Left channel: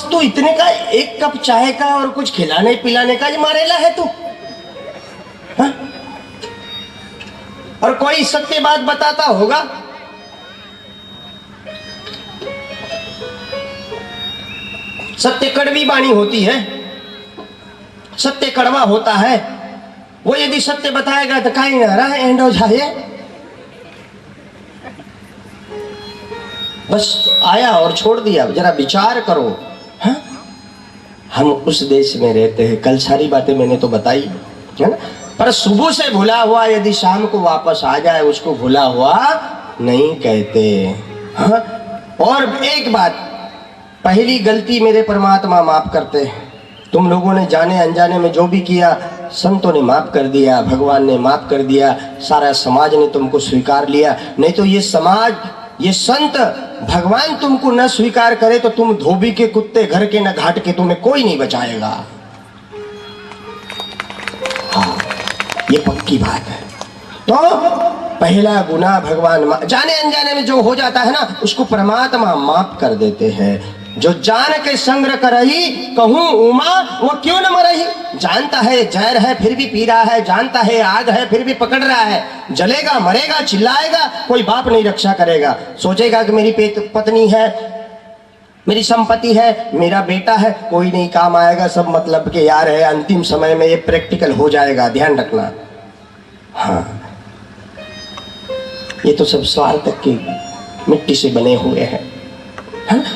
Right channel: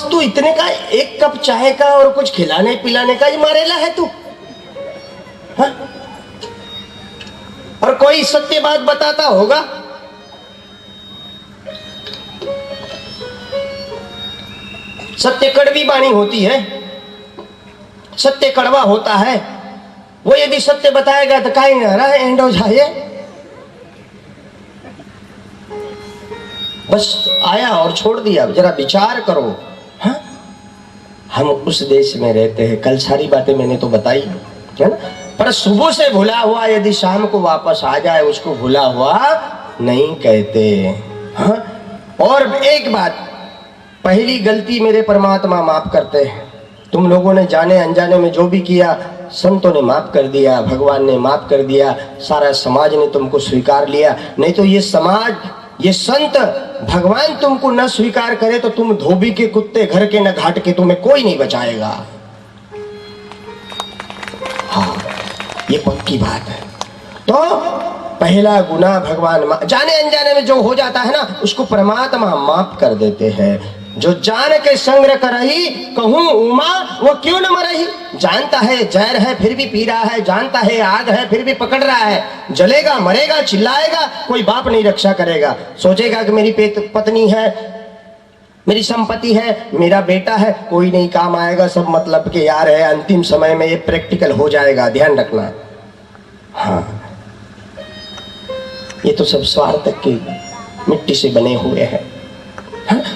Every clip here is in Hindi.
बस तू इतने का एक कप चाय का और कुछ खिलाने पिलाने का मारेला है तू, हाँ? और कोई सत्य बात बताता होगा, सत्य कड़वी बाणी होती है, सत्य कड़वा होता है। वो यदि सत्य बताएगा तो काहे ना रहा एंड हो जाए। बस आया और छोड़ दिया, जरा विचार करो। हाँ? हम उस देश में रहते हैं, कल सारी बातें मैंने तो बताई है ना, पर सुबह से भुला हुआ यदि शाम को वापस आ जाए उसको भुला हुआ नहीं कहते। हाँ? और एक बात, पहली गलती मेरे परमात्मा माफ करते हैं। तुम लोगों ने जाने अनजाने में जो भी किया संतों ने माफ कर दिया, भगवान ने माफ कर दिया, सारा समाज ने तुमको स्वीकार लिया। नहीं तो ये समाज, ये संत, भगवान तुमको न स्वीकार करे तो तुम धोबी के कुत्ते घर के न घाट के, तुम्हें कोई नहीं बचाएगा। हाँ, ये पक्की बात है। तो पहला गुनाह भगवान जाने अनजाने में जो हो जाता है ना, उसको परमात्मा माफ कर देते हैं। जो जान के संग्रह करही कहूं उमा वो क्यों न मरही। जानता है जहर है फिर भी पी रहा है, जानता है आग है फिर भी पकड़ रहा है। जलेगा मरेगा चिल्लाएगा, कोई बाप नहीं रक्षा करेगा। सोचेगा कि मेरी पत्नी है, मेरी संपत्ति है, मेरा बेटा है, कोई नहीं काम आएगा, सब मतलब के यार है। अंतिम समय में ये प्रैक्टिकल हो जाएगा, ध्यान रखना। हाँ, ये तो सब स्वार्थ की मिट्टी से बने हुए हैं।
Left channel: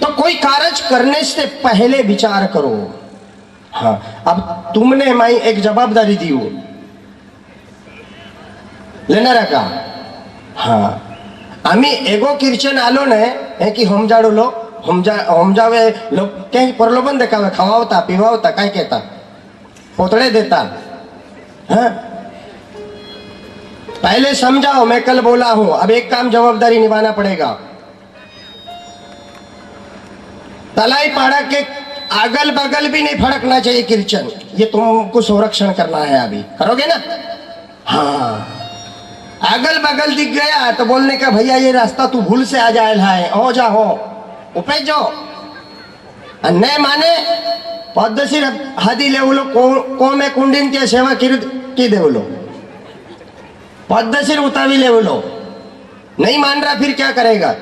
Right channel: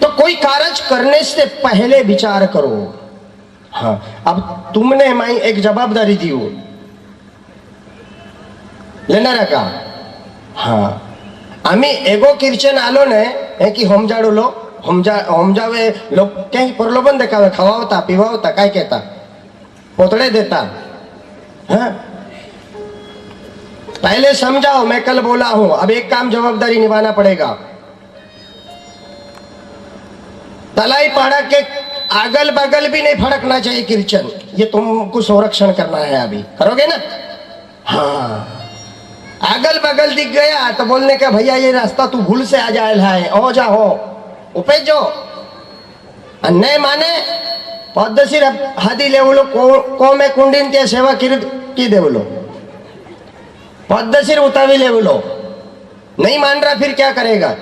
तो कोई कार्य करने से पहले विचार करो। हाँ, अब तुमने मैं एक जवाबदारी दी हो लेना रखा। हाँ, आम्ही एगो कीर्तन आलो ने है कि हम जाड़ो लो हम जावे लोग कहीं प्रलोभन देखावे, खवावता पीवावता, काय कहता पोतड़े देता। हाँ, पहले समझाओ, मैं कल बोला हूं, अब एक काम जवाबदारी निभाना पड़ेगा। तलाई पाड़ा के अगल बगल भी नहीं फड़कना चाहिए कीर्तन, ये तुमको संरक्षण करना है। अभी करोगे ना? हाँ, अगल बगल दिख गया तो बोलने का भैया ये रास्ता तू भूल से आ जाए है, हो जा हो उपे जो अन्य माने पद्धति हादी ले बोलो को में कुंडीन त्या सेवा की दे बोलो, पद्धति उतावी ले बोलो। नहीं मान रहा फिर क्या करेगा?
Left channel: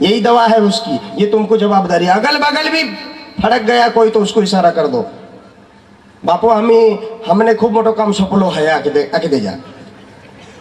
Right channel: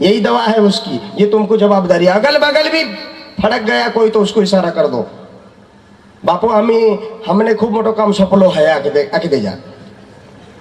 यही दवा है उसकी, ये तुमको जवाबदारी। अगल बगल भी फड़क गया कोई तो उसको इशारा कर दो, बापू हमने खूब मोटो काम सफलो है, आके दे जा।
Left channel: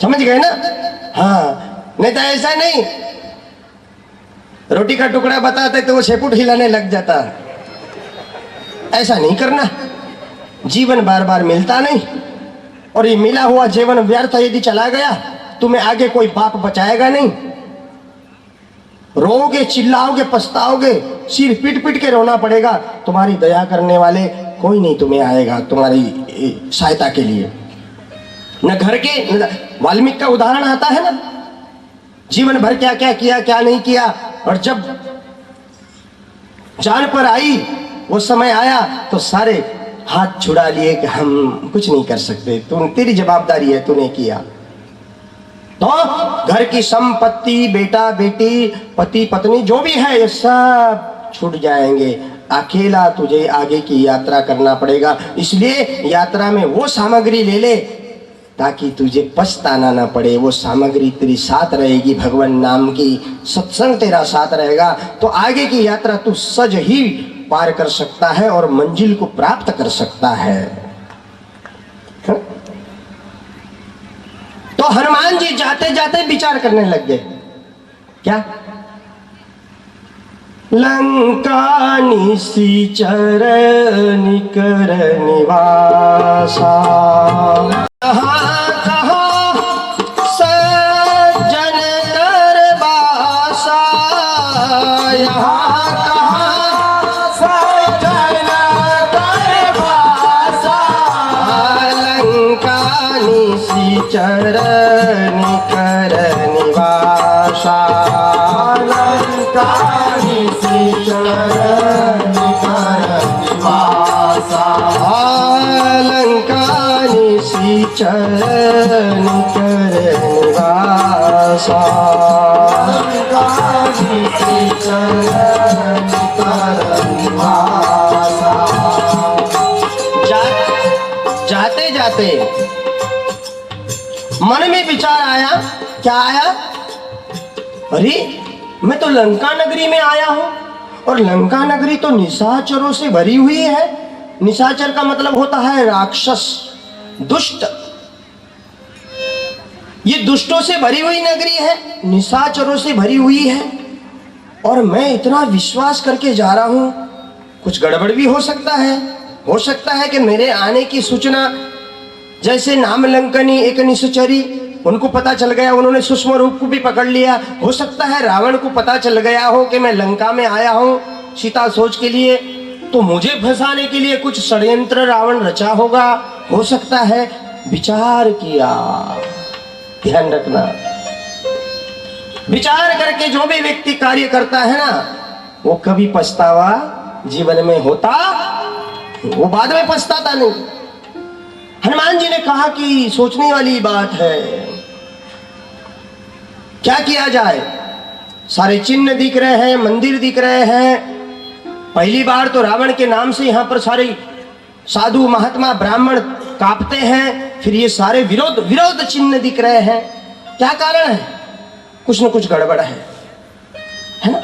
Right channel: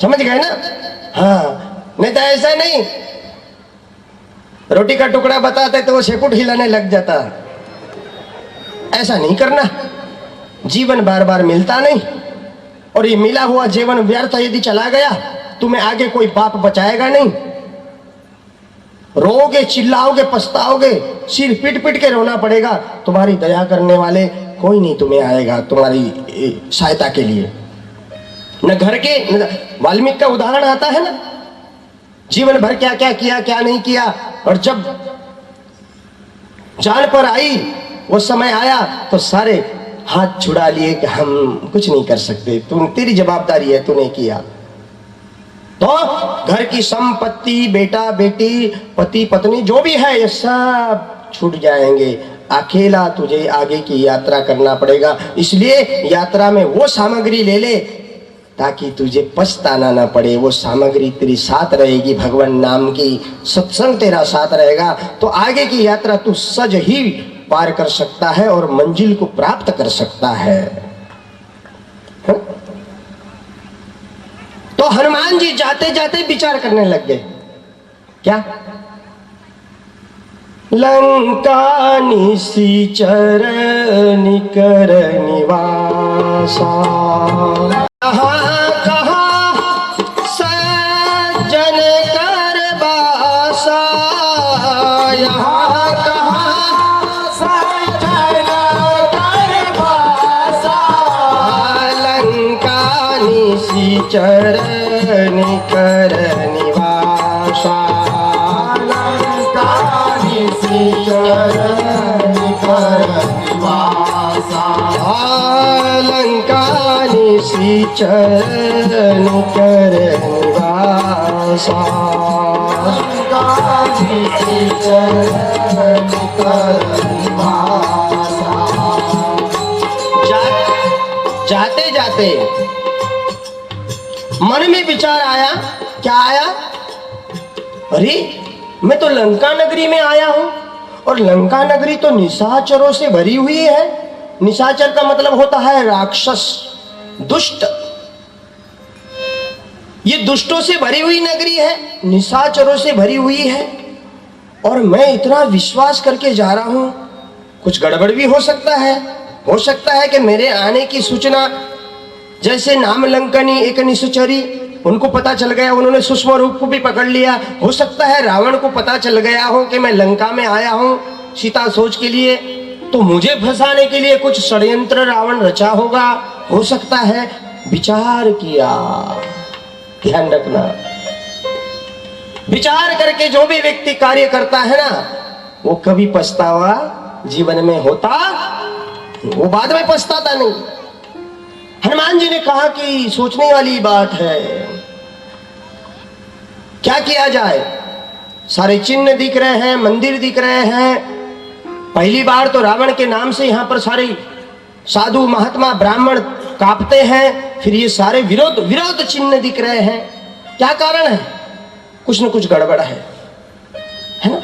समझ गए ना? हाँ, नहीं तो ऐसा नहीं, रोटी का टुकड़ा बताते तो वो शेपुट हिलाने लग जाता। ऐसा नहीं करना। जीवन बार बार मिलता नहीं, और ये मिला हुआ जीवन व्यर्थ यदि चला गया तुम्हें आगे कोई बाप बचाएगा नहीं। रोओगे, चिल्लाओगे, पछताओगे, सिर पीट पीट के रोना पड़ेगा। तुम्हारी दया करने वाले कोई नहीं तुम्हें आएगा तुम्हारी सहायता के लिए। न घर के, वाल्मीकि का उदाहरण आता है ना, जीवन भर क्या क्या किया क्या नहीं किया, और जब जान पर आई वो समय आया तो सारे हाथ छुड़ा लिए कि हम कुछ नहीं कर सकते, तेरी जवाबदारी है, तूने किया। तो घर की संपत्ति, बेटा बेटी, पति पत्नी जो भी है ये सब छूट जाएंगे। अकेला तुझे आगे की यात्रा करना पड़ेगा। इसलिए यात्रा में वो सामग्री ले ले ताकि तुझे पछताना ना पड़े। वो सामग्री तेरी साथ रहेगी, भगवान नाम की, सत्संग तेरा साथ रहेगा, तो आगे की यात्रा तू सज ही पार कर सकता है और मंजिल को प्राप्त कर सकता है। तो हनुमान जी जाते जाते विचार करने लग गए, क्या? लंका निशिचर निकर निवासा, चरण कर निवासा, लंकानी चरण कर निवासा, लंकानी चरण कर निवासा, लंकानी चरण कर निवासा। रहते मन में विचार आया, क्या आया, अरे मैं तो लंका नगरी में आया हूं और लंका नगरी तो निशाचरों से भरी हुई है। निशाचर का मतलब होता है राक्षस, दुष्ट। ये दुष्टों से भरी हुई नगरी है, निशाचरों से भरी हुई है, और मैं इतना विश्वास करके जा रहा हूं, कुछ गड़बड़ भी हो सकता है। हो सकता है कि मेरे आने की सूचना, जैसे नाम लंकनी एक निशाचरी, उनको पता चल गया, उन्होंने सूक्ष्म रूप को भी पकड़ लिया। हो सकता है रावण को पता चल गया हो कि मैं लंका में आया हूं सीता सोच के लिए, तो मुझे फंसाने के लिए कुछ षड्यंत्र रावण रचा होगा। हो सकता है, विचार किया। ध्यान रखना, विचार करके जो भी व्यक्ति कार्य करता है ना, वो कभी पछतावा जीवन में होता, वो बाद में पछताता नहीं। हनुमान जी ने कहा कि सोचने वाली बात है, क्या किया जाए। सारे चिन्ह दिख रहे हैं, मंदिर दिख रहे हैं। पहली बार तो रावण के नाम से यहां पर सारे साधु महात्मा ब्राह्मण कांपते हैं, फिर ये सारे विरोध चिन्ह दिख रहे हैं। क्या कारण है? कुछ न कुछ गड़बड़ है ना?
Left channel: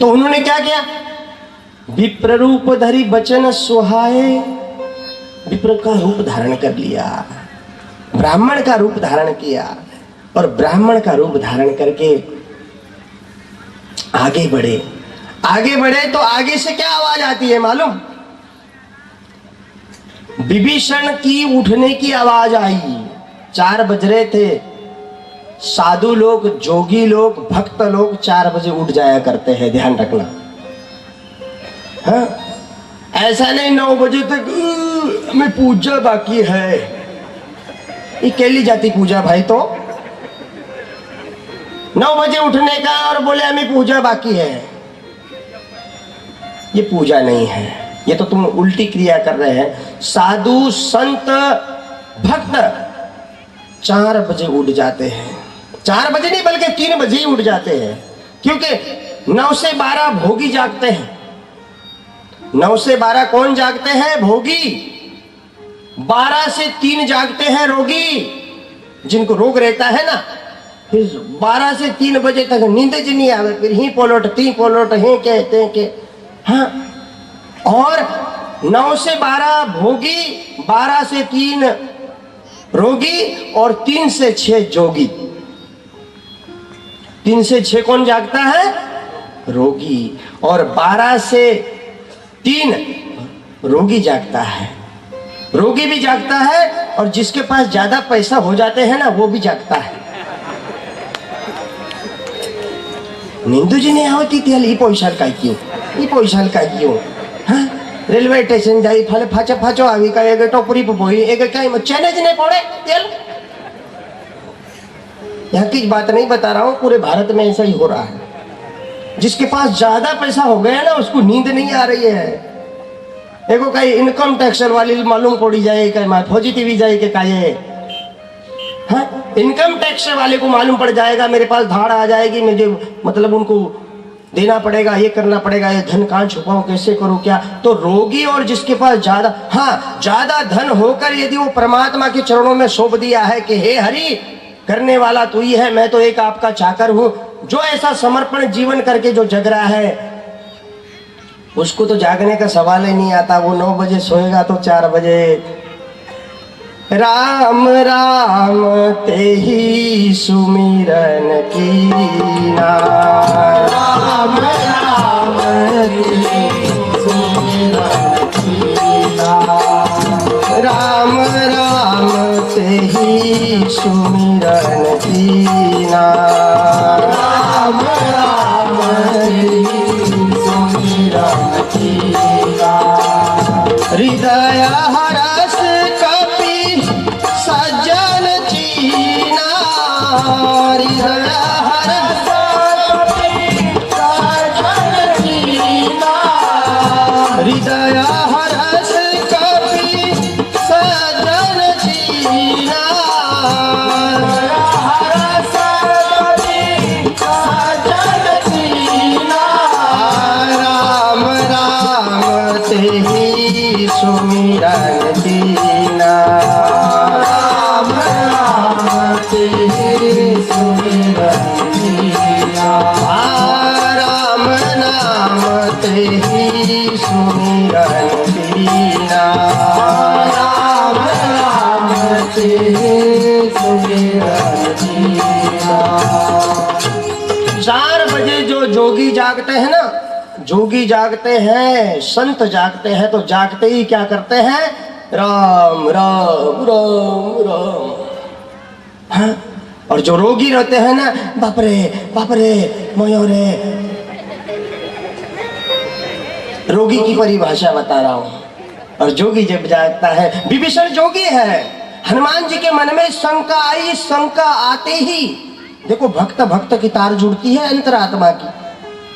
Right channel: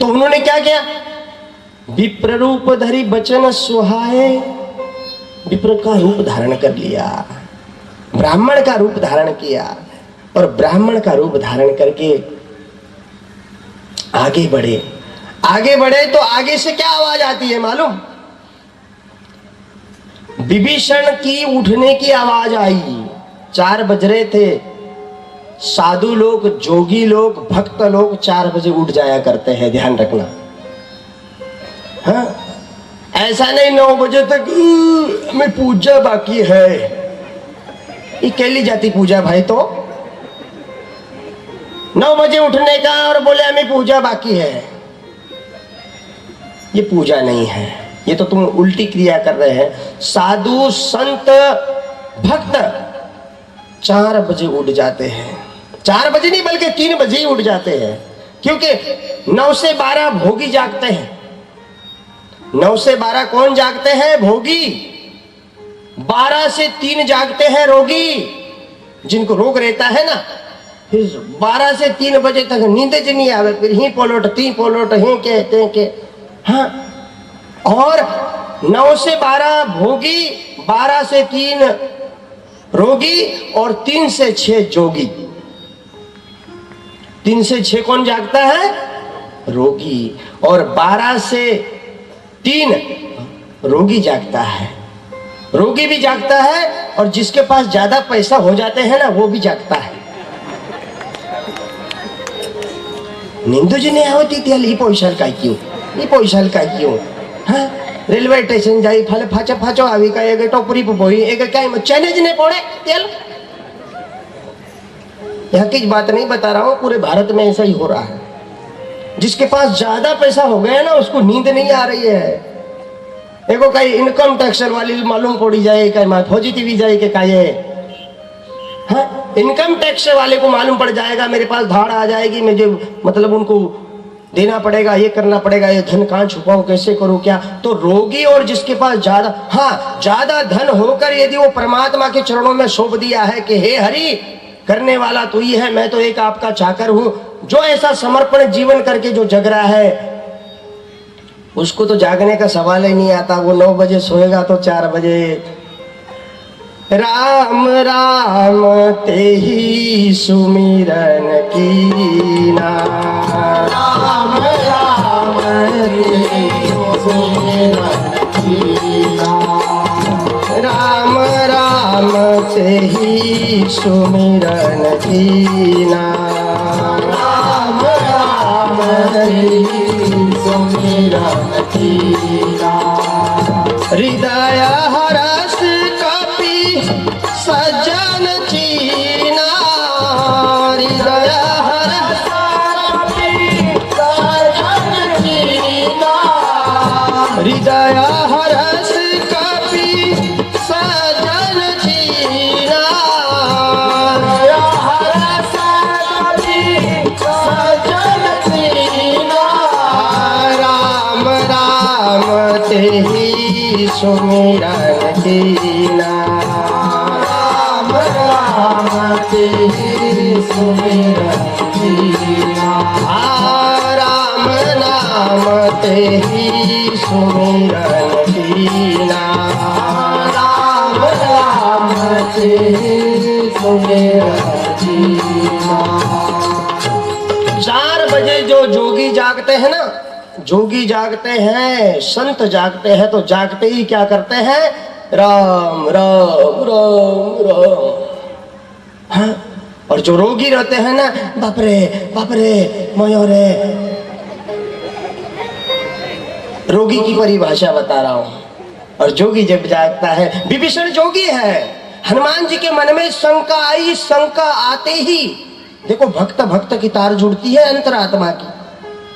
तो उन्होंने क्या किया, विप्र रूप धरी बचन सुहाए, विप्र का रूप धारण कर लिया, ब्राह्मण का रूप धारण किया, और ब्राह्मण का रूप धारण करके आगे बढ़े। आगे बढ़े तो आगे से क्या आवाज आती है मालूम? विभीषण की उठने की आवाज आई। 4 बज रहे थे। साधु लोग, जोगी लोग, भक्त लोग 4 बजे उठ जाया करते हैं, ध्यान रखना। हाँ, ऐसा नहीं 9 बजे तक मैं पूजा बाकी है। ये कैली जाती पूजा भाई? तो 9 बजे उठने का और बोले हमें पूजा बाकी है, ये पूजा नहीं है, ये तो तुम उल्टी क्रिया कर रहे हैं। साधु संत भक्त 4 बजे उठ जाते हैं। 4 बजे नहीं बल्कि 3 बजे ही उठ जाते हैं, क्योंकि 9 से 12 भोगी जागते हैं। 9 से 12 कौन जागते हैं? भोगी। 12 से 3 जागते हैं रोगी, जिनको रोग रहता है ना। फिर 12 से 3 बजे तक नींद ज नहीं आवे, फिर ही पोलोट ती पोलोट ही कहते के। हाँ, और 9 से 12 भोगी, 12 से 3 रोगी, और 3 से 6 जोगी। 3 से 6 कौन जागता है? रोगी। और 12 से 3 रोगी जागता है। रोगी भी जागता है, और जिसके पास ज्यादा पैसा हो जाते हैं ना, वो भी जागता है। नींद जी नहीं आवती त्याल ई पैसा काय क्यों, ई पैसा काय क्यों? हाँ, रेलवे स्टेशन जाई फाले फाचा फाचो आवी का एक टोपरी पे बोई एक काय चैने जी नहीं पड़े तेल। यहाँ की बात नहीं बता रहा हूँ, पूरे भारत में ऐसा ही हो रहा है। जिसके पास ज्यादा पैसा हो गया ना, उसको नींद नहीं आ रही है। एगो कहीं इनकम टैक्स वाली मालूम पड़ी जाए, कहीं फौजी टीवी जाए के कहे, हाँ, इनकम टैक्स वाले को मालूम पड़ जाएगा, मेरे पास धाड़ आ जाएगी, मुझे मतलब उनको देना पड़ेगा, ये करना पड़ेगा, ये धन कहाँ छुपाऊं, कैसे करूं, क्या। तो रोगी और जिसके पास ज्यादा, हाँ, ज्यादा धन होकर यदि वो परमात्मा के चरणों में सौंप दिया है कि हे हरि, करने वाला तू ही है, मैं तो एक आपका चाकर हूं, जो ऐसा समर्पण जीवन करके जो जग रहा है, उसको तो जागने का सवाल ही नहीं आता। वो 9 बजे सोएगा तो 4 बजे राम राम तेहि सुमिरन कीना, राम राम तेहि सुमिरन कीना, राम राम तेहि सुमिरन कीना, राम राम तेहि सुमिरन कीना। हृदय हरस कपि सज्जन चीना, हृदय हरस कपि सज्जन चीना, हृदय हरस कपि सज्जन चीना, हृदय हरस कपि सज्जन चीना, सुमिरन कीना। राम नाम ते ही सुमिरन कीना। राम नाम ते ही सुमिरन कीना। 4 बजे जो जोगी जागते हैं ना, जोगी जागते हैं, संत जागते हैं, तो जागते ही क्या करते हैं? राम राम राम राम। हाँ? और जो रोगी रहते हैं ना, बाप रे मयो रे। रोगी की परिभाषा बता रहा हूं। और जोगी जब जागता है, विभीषण जोगी है। हनुमान जी के मन में शंका आई, शंका आते ही देखो भक्त की तार जुड़ती है अंतरात्मा की,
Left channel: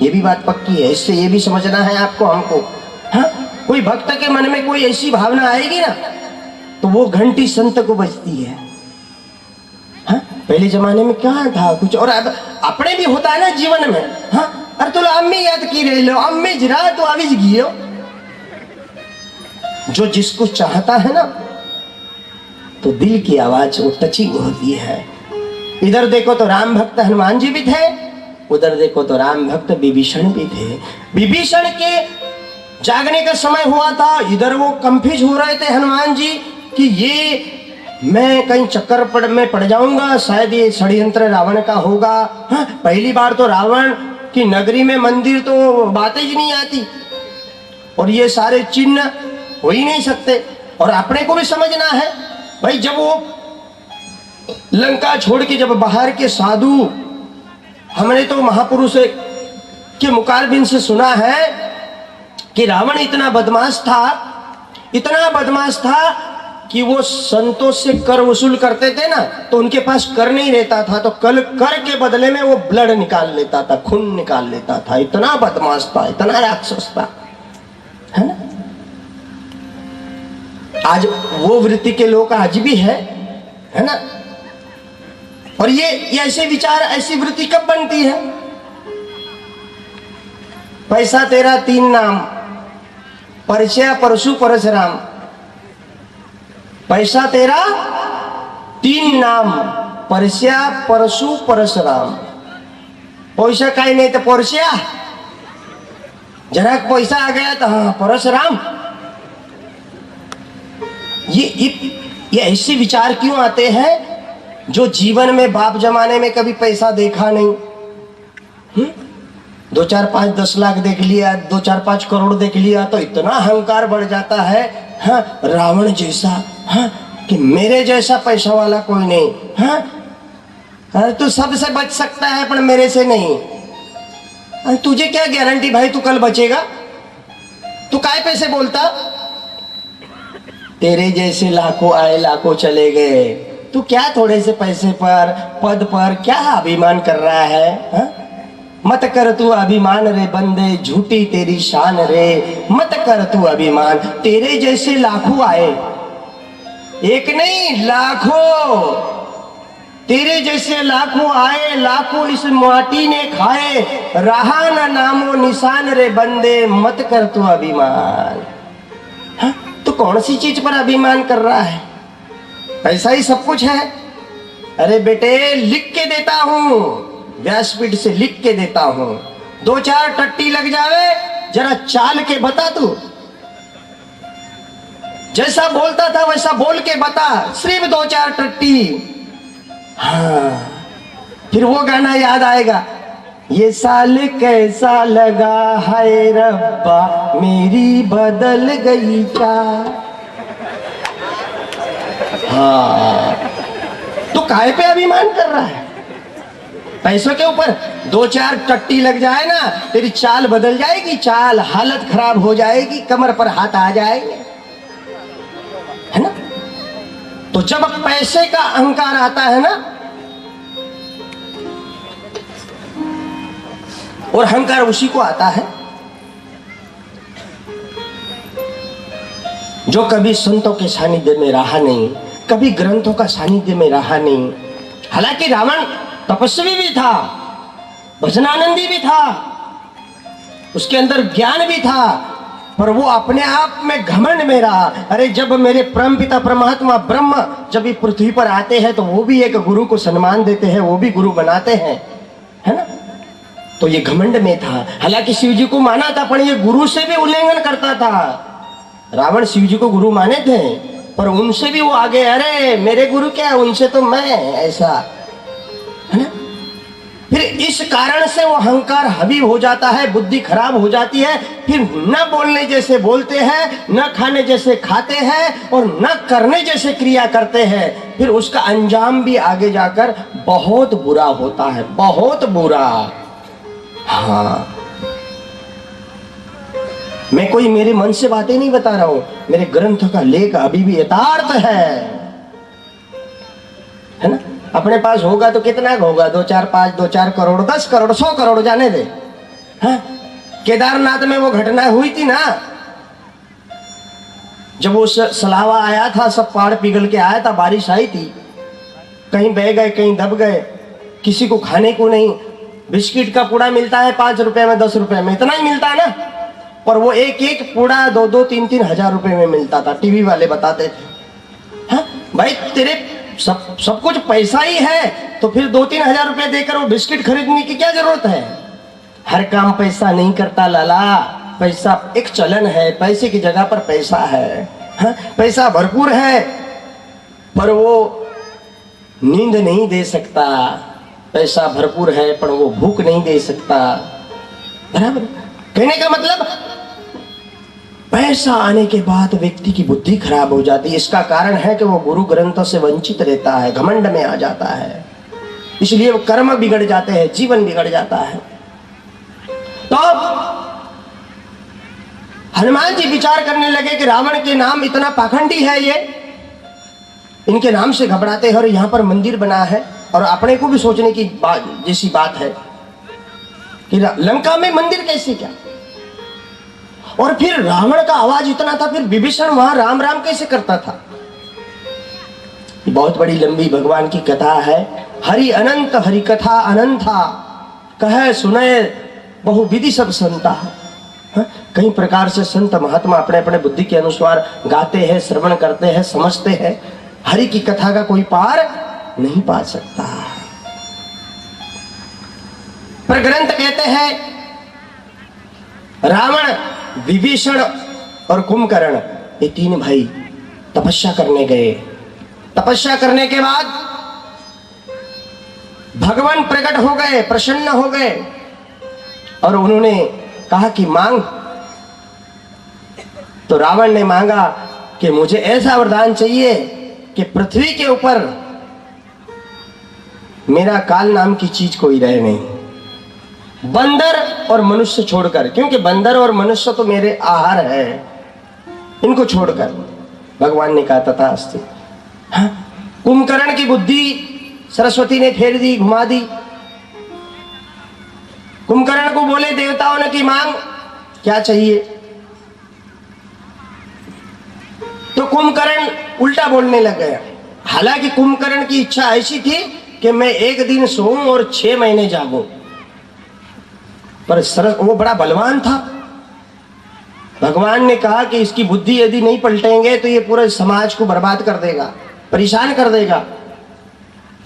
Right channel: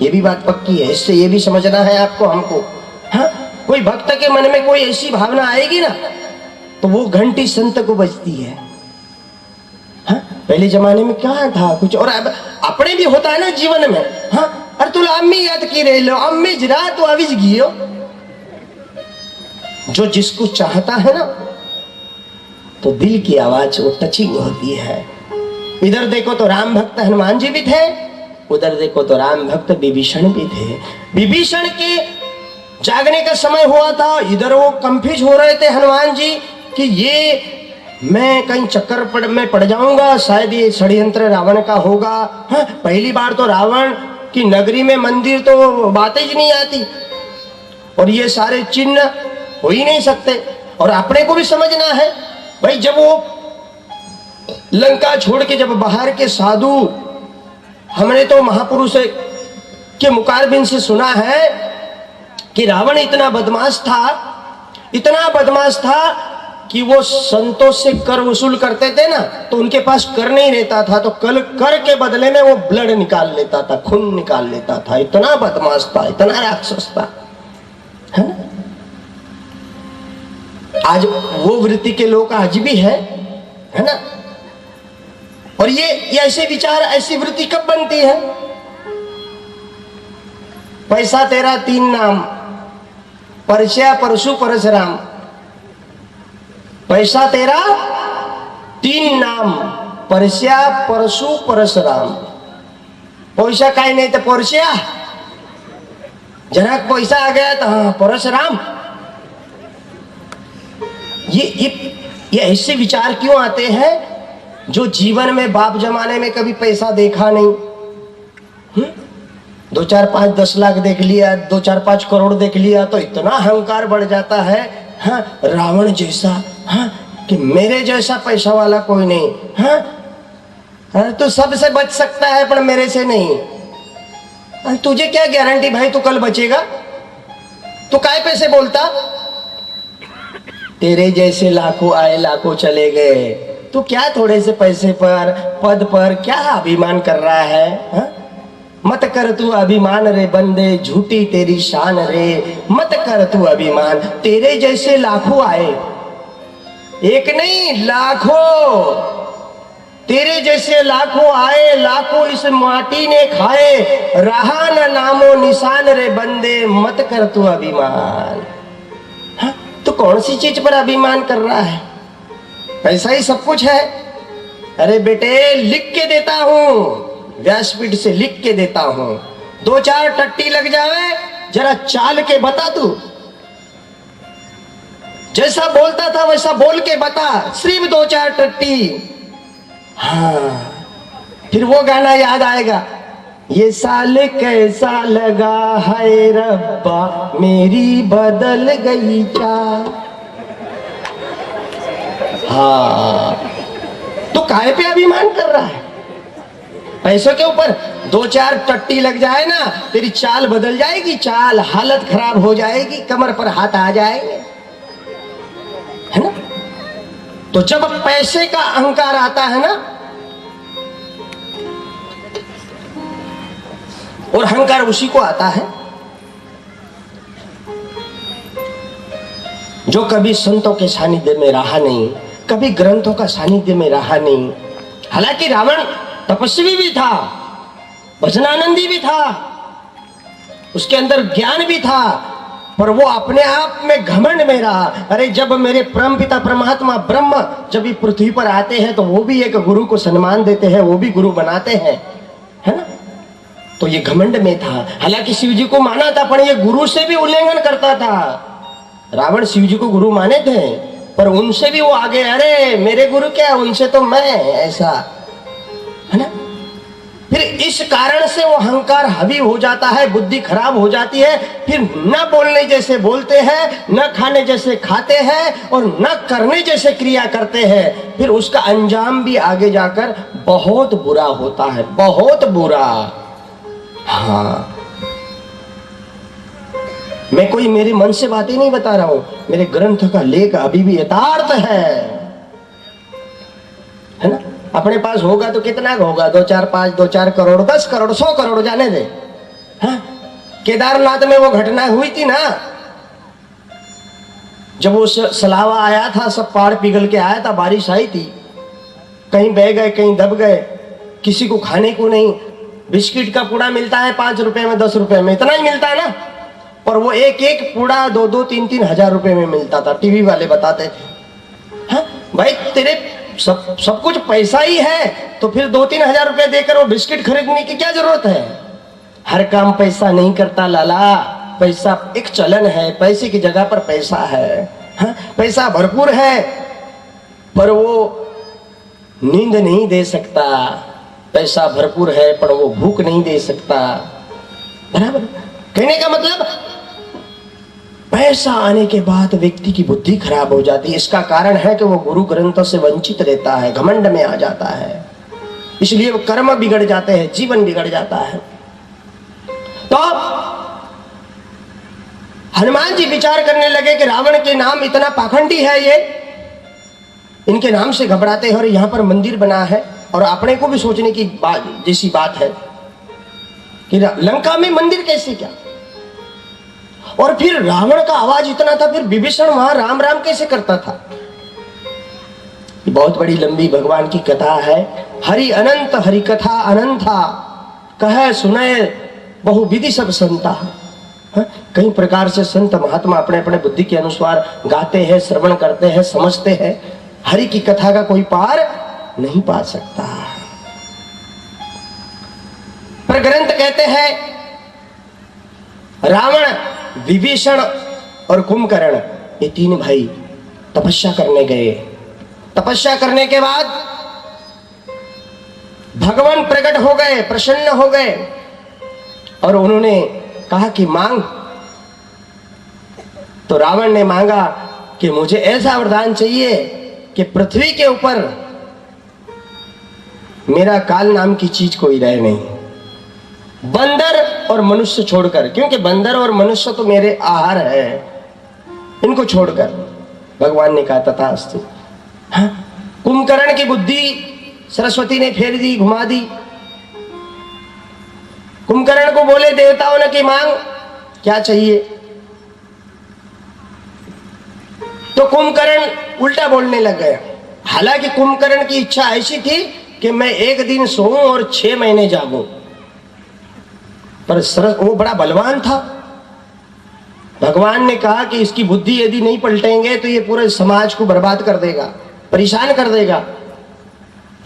ये भी बात पक्की है। इससे ये भी समझना है आपको, हमको। हाँ? कोई भक्त के मन में कोई ऐसी भावना आएगी ना, तो वो घंटी संत को बजती है। हाँ? पहले जमाने में क्या था कुछ, और अब अपने भी होता है ना जीवन में। हाँ? अरे तुला अम्मी याद की रहे लो, अम्मी जरा तो आविज गियो। जो जिसको चाहता है ना, तो दिल की आवाज वो टचिंग होती है। इधर देखो तो राम भक्त हनुमान जी भी थे, उधर देखो तो राम भक्त विभीषण भी थे। विभीषण के जागने का समय हुआ था, इधर वो कंफ्यूज हो रहे थे हनुमान जी कि ये मैं कहीं चक्कर में पड़ जाऊंगा, शायद ये षड्यंत्र रावण का होगा। हाँ? पहली बार तो रावण की नगरी में मंदिर तो बातें ही नहीं आती, और ये सारे चिन्ह हो ही नहीं सकते। और अपने को भी समझना है भाई, जब वो लंका छोड़ के जब बाहर के साधु, हमने तो महापुरुष के मुखारबिन से सुना है कि रावण इतना बदमाश था कि वो संतों से कर वसूल करते थे ना, तो उनके पास कर नहीं रहता था, तो कर के बदले में वो ब्लड निकाल लेता था, खून निकाल लेता था। इतना बदमाश था, इतना राक्षस था, है ना। आज वो वृत्ति के लोग आज भी है ना। और ये ऐसे विचार, ऐसी वृत्ति कब बनती है? पैसा तेरा 3 नाम, परस्या परशु परशुराम। पैसा तेरा 3 नाम, परस्या परशु परशुराम। पैसा काई नहीं तो परस्या, जरा पैसा आ गया तो हाँ परशुराम। ये ऐसे विचार क्यों आते हैं? जो जीवन में बाप जमाने में कभी पैसा देखा नहीं। 2 4 5 10 लाख देख लिया, 2 4 5 करोड़ देख लिया, तो इतना अहंकार बढ़ जाता है। हाँ? रावण जैसा, हाँ? कि मेरे जैसा पैसा वाला कोई नहीं। हाँ? तो सबसे बच सकता है पर मेरे से नहीं। तुझे क्या गारंटी भाई तू कल बचेगा? तू काय पैसे बोलता? तेरे जैसे लाखों आए लाखों चले गए, तू क्या थोड़े से पैसे पर, पद पर क्या अभिमान कर रहा है? हा? मत कर तू अभिमान रे बंदे, झूठी तेरी शान रे। मत कर तू अभिमान, तेरे जैसे लाखों आए, एक नहीं लाखों, तेरे जैसे लाखों आए, लाखों इस माटी ने खाए, रहा न नामो निशान रे बंदे, मत कर तू अभिमान। हा? तो कौन सी चीज पर अभिमान कर रहा है? ऐसा ही सब कुछ है। अरे बेटे लिख के देता हूं, व्यासपीठ से लिख के देता हूं, 2 4 टट्टी लग जावे, जरा चाल के बता तू। जैसा बोलता था वैसा बोल के बता, सिर्फ 2 4 टट्टी। हाँ, फिर वो गाना याद आएगा, ये साल कैसा लगा है रब्बा, मेरी बदल गई चाल। हाँ, तो काहे पे अभिमान कर रहा है? पैसों के ऊपर 2 4 टट्टी लग जाए ना, तेरी चाल बदल जाएगी, चाल हालत खराब हो जाएगी, कमर पर हाथ आ जाएंगे, है ना। तो जब पैसे का अहंकार आता है ना, और अहंकार उसी को आता है जो कभी संतों के सानिध्य में रहा नहीं, कभी ग्रंथों का सानिध्य में रहा नहीं। हालांकि रावण तपस्वी भी था, भजनानंदी भी था, उसके अंदर ज्ञान भी था, पर वो अपने आप में घमंड में रहा। अरे जब मेरे परम पिता परमात्मा ब्रह्म जब इस पृथ्वी पर आते हैं तो वो भी एक गुरु को सम्मान देते हैं, वो भी गुरु बनाते हैं, है ना। तो ये घमंड में था। हालांकि शिव जी को माना था, पर ये गुरु से भी उल्लंघन करता था। रावण शिव जी को गुरु माने थे, पर उनसे भी वो आगे, अरे मेरे गुरु क्या, उनसे तो मैं ऐसा, है ना। फिर इस कारण से वो अहंकार हावी हो जाता है, बुद्धि खराब हो जाती है। फिर न बोलने जैसे बोलते हैं, न खाने जैसे खाते हैं, और न करने जैसे क्रिया करते हैं। फिर उसका अंजाम भी आगे जाकर बहुत बुरा होता है, बहुत बुरा। हाँ, मैं कोई मेरे मन से बातें नहीं बता रहा हूं, मेरे ग्रंथ का लेख अभी भी यथार्थ है ना। अपने पास होगा तो कितना होगा, 2 4 5 2 4 करोड़, 10 करोड़, 100 करोड़, जाने दे। हाँ? केदारनाथ में वो घटना हुई थी ना, जब वो सलावा आया था, सब पहाड़ पिघल के आया था, बारिश आई थी, कहीं बह गए, कहीं दब गए, किसी को खाने को नहीं। बिस्किट का पूड़ा मिलता है 5 रुपए में, 10 रुपए में, इतना ही मिलता है ना। और वो एक एक पूड़ा 2 3 3 हजार रुपए में मिलता था। टीवी वाले बताते थे। हाँ? भाई तेरे सब कुछ पैसा ही है, तो फिर 2 3 हजार रुपए देकर वो बिस्किट खरीदने की क्या जरूरत है। हर काम पैसा नहीं करता लाला, पैसा एक चलन है, पैसे की जगह पर पैसा है। हाँ? पैसा भरपूर है, पर वो नींद नहीं दे सकता। पैसा भरपूर है, पर वो भूख नहीं दे सकता। बराबर। कहने का मतलब, पैसा आने के बाद व्यक्ति की बुद्धि खराब हो जाती है। इसका कारण है कि वो गुरु ग्रंथ से वंचित रहता है, घमंड में आ जाता है, इसलिए वो कर्म बिगड़ जाते हैं, जीवन बिगड़ जाता है। तो हनुमान जी विचार करने लगे कि रावण के नाम इतना पाखंडी है, ये इनके नाम से घबराते हैं, और यहां पर मंदिर बना है। और अपने को भी सोचने की जैसी बात है कि लंका में मंदिर कैसे, क्या। और फिर रावण का आवाज इतना था, फिर विभीषण वहां राम राम कैसे करता था। बहुत बड़ी लंबी भगवान की कथा है। हरि अनंत हरि कथा अनंता, कहे सुने बहुविधि सब संता। कई प्रकार से संत महात्मा अपने अपने बुद्धि के अनुसार गाते हैं, श्रवण करते हैं, समझते हैं। हरि की कथा का कोई पार नहीं पा सकता। पर ग्रंथ कहते हैं रावण, विभीषण और कुंभकर्ण, ये 3 भाई तपस्या करने गए। तपस्या करने के बाद भगवान प्रकट हो गए, प्रसन्न हो गए, और उन्होंने कहा कि मांग। तो रावण ने मांगा कि मुझे ऐसा वरदान चाहिए कि पृथ्वी के ऊपर मेरा काल नाम की चीज कोई रहे नहीं, बंदर और मनुष्य छोड़कर, क्योंकि बंदर और मनुष्य तो मेरे आहार है, इनको छोड़कर। भगवान ने कहा तथास्तु। हाँ? कुंभकर्ण की बुद्धि सरस्वती ने फेर दी, घुमा दी। कुंभकर्ण को बोले देवताओं ने कि मांग, क्या चाहिए। तो कुंभकर्ण उल्टा बोलने लग गया। हालांकि कुंभकर्ण की इच्छा ऐसी थी कि मैं 1 दिन सोऊं और 6 महीने जागूं, पर वो बड़ा बलवान था। भगवान ने कहा कि इसकी बुद्धि यदि नहीं पलटेंगे तो ये पूरे समाज को बर्बाद कर देगा, परेशान कर देगा।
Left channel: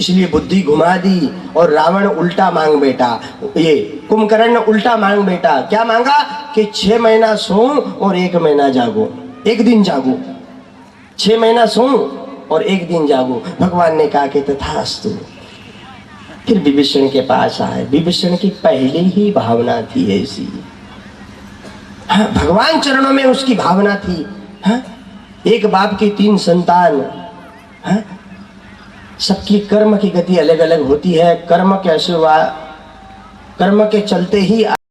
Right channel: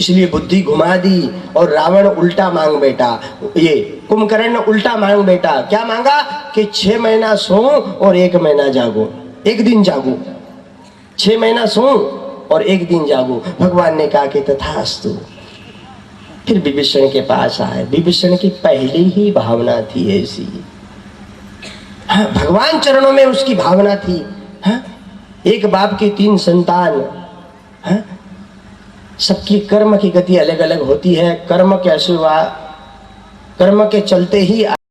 इसलिए बुद्धि घुमा दी और रावण उल्टा मांग बैठा। ये कुंभकर्ण उल्टा मांग बैठा। क्या मांगा कि 6 महीना सोऊं और 1 महीना जागूं, 1 दिन जागूं, 6 महीना सोऊं और 1 दिन जागूं। भगवान ने कहा कि तथास्तु। फिर विभीषण के पास आए। विभीषण की पहले ही भावना थी ऐसी। हाँ, भगवान चरणों में उसकी भावना थी। हाँ, एक बाप की 3 संतान। हाँ, सबकी कर्म की गति अलग अलग होती है। कर्म के आशीर्वाद, कर्म के चलते ही